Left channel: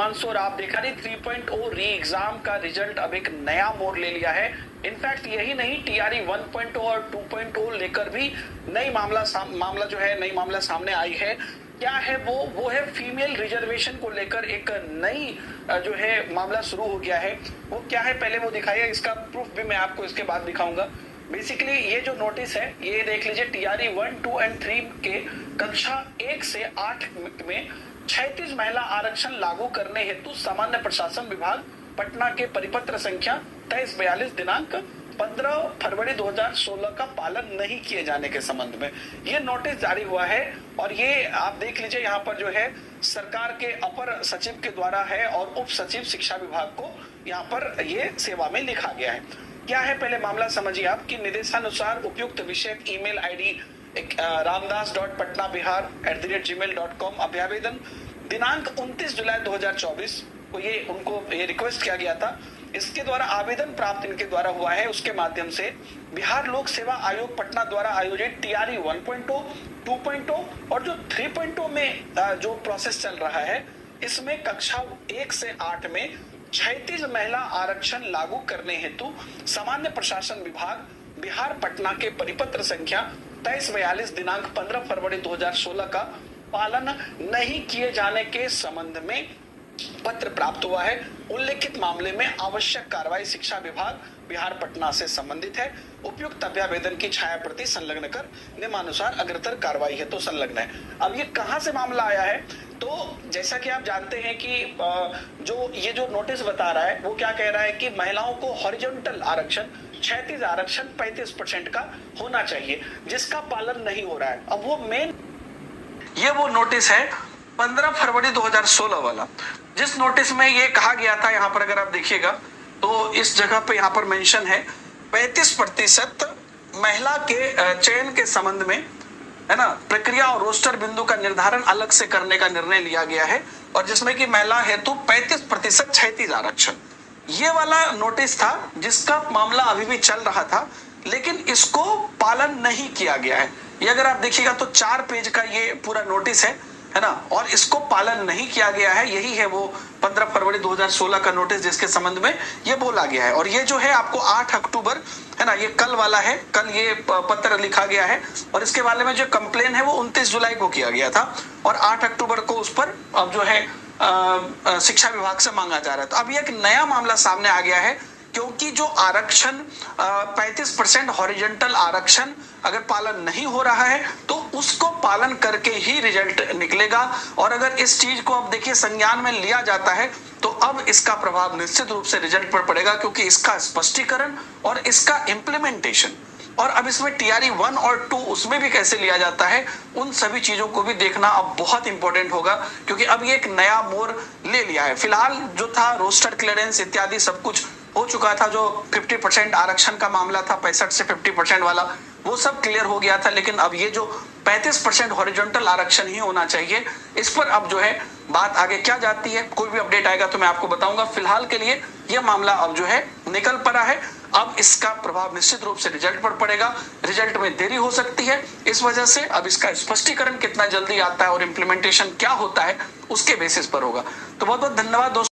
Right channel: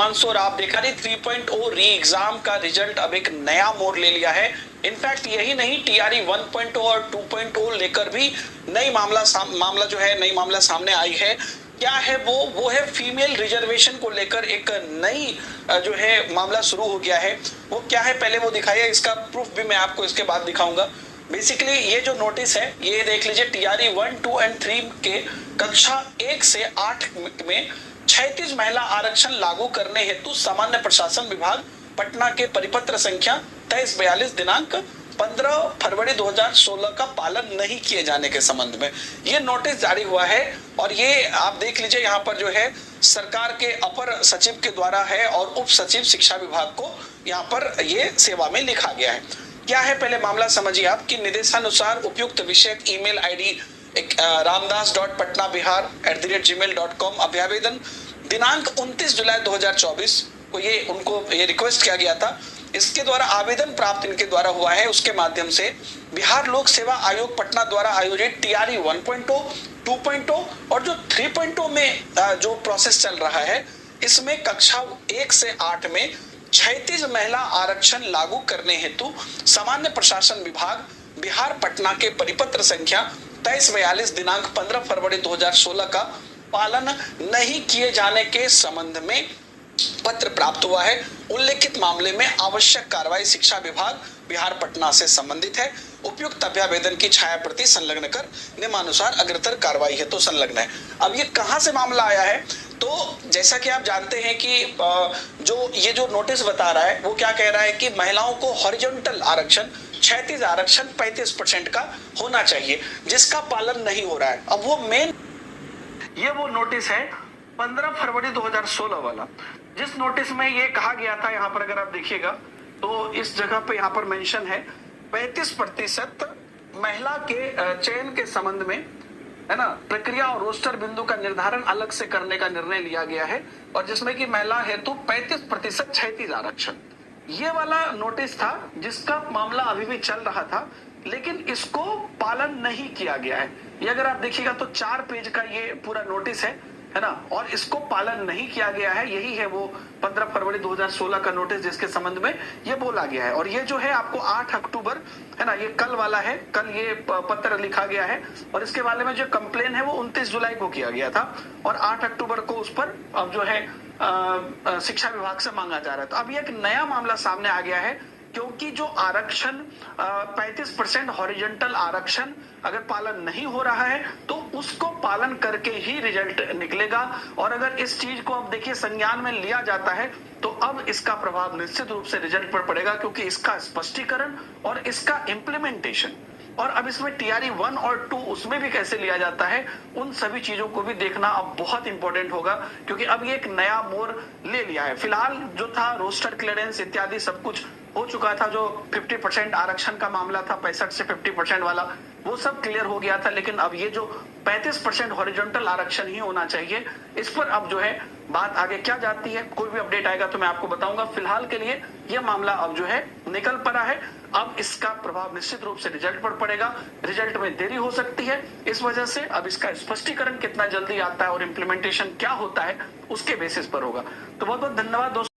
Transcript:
हिमांशु, और आप देखा नहीं 3.0 री एग्जाम का रिजल्ट अब एक नया मोड़ ले लिया है। इनफैक्ट यही नहीं, टीआरई 1.0 और 2.0 लेकर भी नई मामला सामने आई है। क्या है वो है फीमेल रिजर्वेशन को लेकर एक नई जो है मामला शुरू हो गया है। वो क्या है पहले वो दिखाइए, इसका प्रूफ भी मैं आपको इसके बाद दिखाऊंगा। बेसिकली ये जो नोटिस है ये देख लीजिए, टीआरई 1, 2 एंड 3 के कक्षा 1 से 8 में 36 महिला आरक्षण लागू करने हेतु सामान्य प्रशासन विभाग पटना के परिपत्र संख्या 2342 दिनांक 15 फरवरी 2016 का पालन नहीं किए जाने के संबंध में ये नोटिस जारी हुआ है। और ये आप देख लीजिए यहाँ पर जो है सरकार के अपर सचिव के द्वारा है और उप सचिव शिक्षा विभाग को यहाँ पर ये सेवा में लिखा गया है। क्या है पहले मामला समझिए आप कि निर्देशानुसार उपयुक्त विषय ईमेल आईडी ramdas.patnaBihar@gmail.com अभ्यावेदन दिनांक 29 जुलाई 2024 को ये रिक्वेस्ट किया गया था। इसके द्वारा आवेदन प्राप्त इनके द्वारा हुआ है। उसके माध्यम से बिहार लोक सेवा आयोग पटना द्वारा आयोजित टीआरई 1.0, 2.0 और जो 3.0 में जो प्रोसेस चल रहा है, इसमें कक्षा 1 से 8 में 36 महिला आरक्षण लागू करने हेतु सामान्य प्रशासन विभाग बिहार पटना के परिपत्र संख्या 2342 दिनांक 15 फरवरी 2016 का पालन नहीं किए जाने के संबंध में पत्र प्राप्त हुआ है। उल्लेखित मामले में आवश्यक कार्रवाई शिक्षा विभाग बिहार पटना से संबंधित है। उपयुक्त अभ्यावेदन की छाया प्रति संलग्न कर नियमानुसार अग्रतर कार्रवाई है तो संलग्न है। अब ये कहां से मामला आया है, तो जैसा कि आप जानते हैं कि जो नोटिस बता रहा है वो क्या कह रहा है कि महिलाओं को हॉरिजॉन्टल आरक्षण 36 आरक्षण 35% का होना चाहिए, जिसका पालन नहीं हो रहा है। अब वो नोटिस है 15 फरवरी 2016 वाला, जिस नोटिस में ये कहा गया था, यहाँ पर अगर आप देखिएगा तो इस जगह पे यहाँ पर मेंशन है 35% महिला के चयन के संबंध में, है ना, प्रक्रिया और रोस्टर बिंदु का निर्धारण अलग से करने का निर्णय लिया गया है, और जिसमें कि महिला हेतु 35% 36 आरक्षण, ये वाला नोटिस था जिसका मामला अभी भी चल रहा था, लेकिन इसको पालन नहीं किया गया है। ये अगर आप देखिएगा तो 4 पेज का ये पूरा नोटिस है ना, और इसको पालन नहीं किया गया है। यही है वो 15 फरवरी 2016 का नोटिस जिसके संबंध में ये बोला गया है। और ये जो है आपको 8 अक्टूबर, है ना, ये कल वाला है, कल ये पत्र लिखा गया है, और इसके बारे में जो कंप्लेन है वो 29 जुलाई को किया गया था, और 8 अक्टूबर को उस पर अब जो है शिक्षा विभाग से मांगा जा रहा है। तो अब एक नया मामला सामने आ गया है, क्योंकि जो आरक्षण 35% हॉरिजॉन्टल आरक्षण अगर पालन नहीं हो रहा है तो उसको पालन करके ही रिजल्ट निकलेगा। और अगर इस चीज को अब देखिए संज्ञान में लिया जाता है तो अब इसका प्रभाव निश्चित रूप से रिजल्ट पर पड़ेगा, क्योंकि इसका स्पष्टीकरण और इसका इम्प्लीमेंटेशन, और अब इसमें टीआरई 1 और 2 उसमें भी कैसे लिया जाता है, उन सभी चीजों को भी देखना अब बहुत इंपॉर्टेंट होगा, क्योंकि अब ये एक नया मोड़ ले लिया है। फिलहाल जो था रोस्टर क्लियरेंस इत्यादि सब कुछ हो चुका था। जो 50% आरक्षण का मामला था, 65 से 50% वाला, वो सब क्लियर हो गया था। लेकिन अब ये जो 35% हॉरिजॉन्टल आरक्षण ही होना चाहिए, इस पर अब जो है बात आगे क्या जाती है, कोई भी अपडेट आएगा तो मैं आपको बताऊंगा। फिलहाल के लिए यह मामला अब जो है निकल पड़ा है। अब इसका प्रभाव निश्चित रूप से रिजल्ट पर पड़ेगा, रिजल्ट में देरी हो सकती है, इस वजह से अब इसका स्पष्टीकरण कितना जल्दी आता है और इम्प्लीमेंटेशन क्या होता है उसके बेसिस पर होगा। तो बहुत बहुत धन्यवाद दोस्तों।